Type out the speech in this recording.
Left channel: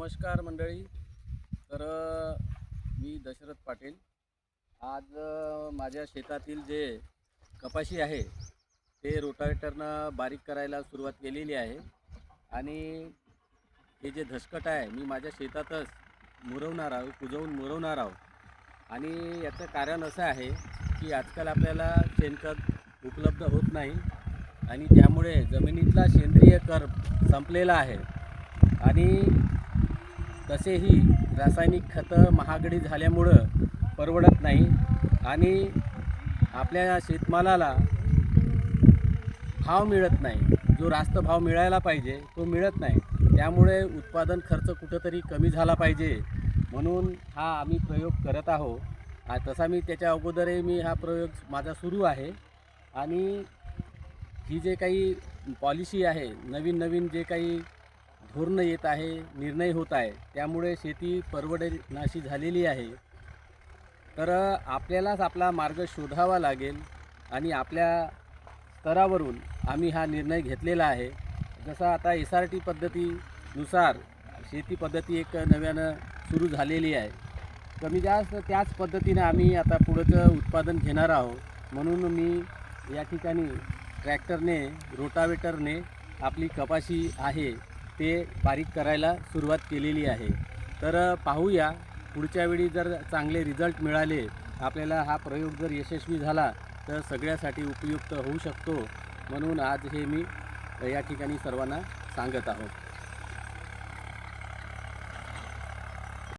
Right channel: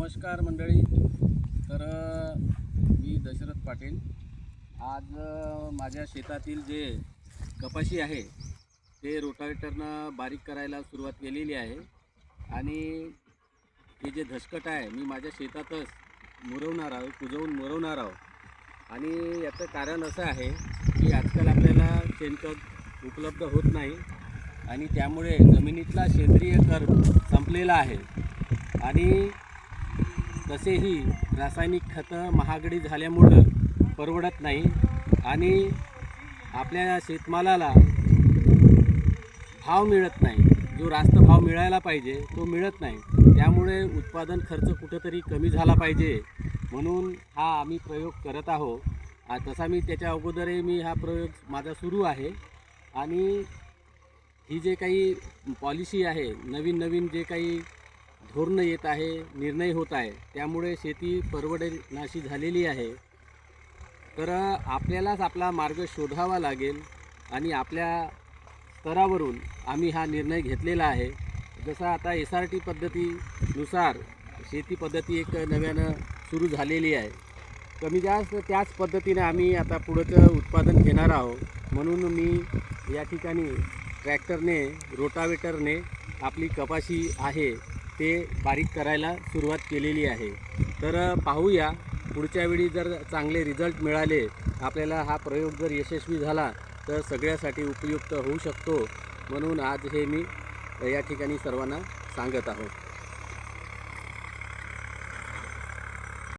नमस्कार मंडळी. तर मी दशरथ पाटील. आज माझ्या शेतातील जे कपाशी आहे ते रोटावेटरनं बारीक करायला सुरुवात केलेली आहे आणि हे जे धसकट आहे मी माझ्या शेतातच मुरवणार आहोत, कुजवून मुरवणार आहोत. आणि याचं कारण असं आहे की आजकाल आपल्याला शेणखत उपलब्ध होत नाही आणि त्यामुळे जमिनीतला सेंद्रिय कर्ब संपलेला आहे आणि तसेही रासायनिक खतं महागडी झाल्यामुळं परवडत नाही आणि आपल्या शेतमालाला भाव मिळत नाही. जो रास्त भाव मिळायला पाहिजे तो मिळत नाही. त्यामुळे उत्पादन खर्च कुठंतरी कमी झाला पाहिजे म्हणून हा आम्ही प्रयोग करत आहोत. तसा मी त्याच्या अगोदरही मी हा प्रयोग माझा सुरू आहे आणि ही जे काही पॉलिसी आहे, नवीन जे काही धोरणं येत आहे, निर्णय होत आहे, त्यामुळे शेती परवडनाशी झालेली आहे. तर आपल्यालाच आपला मार्ग शोधावा लागेल आणि आपल्या स्तरावरून आम्ही हा निर्णय घेतलेला आहे. जसा आता SRT पद्धतीनुसार शेती पद्धती एक नव्यानं सुरू झालेली आहे. कमी जास्त त्याच पद्धतीने आम्ही आता पुढचं उत्पादन घेणार आहोत. म्हणून मी या ठिकाणी ट्रॅक्टरने, रोटावेटरने आपली कपाशी आहे ते बारीक करायला सुरुवात केलेली आहे. तर पाहूया पुढच्या वेळी जर चांगले रिझल्ट मिळाले, आपल्याला हा प्रयोग जर यशस्वी झाला तर सगळ्यासाठी उपयुक्त होऊ शकतो. म्हणून आज हे मी या ठिकाणी सर्वांना सांगत आहोत.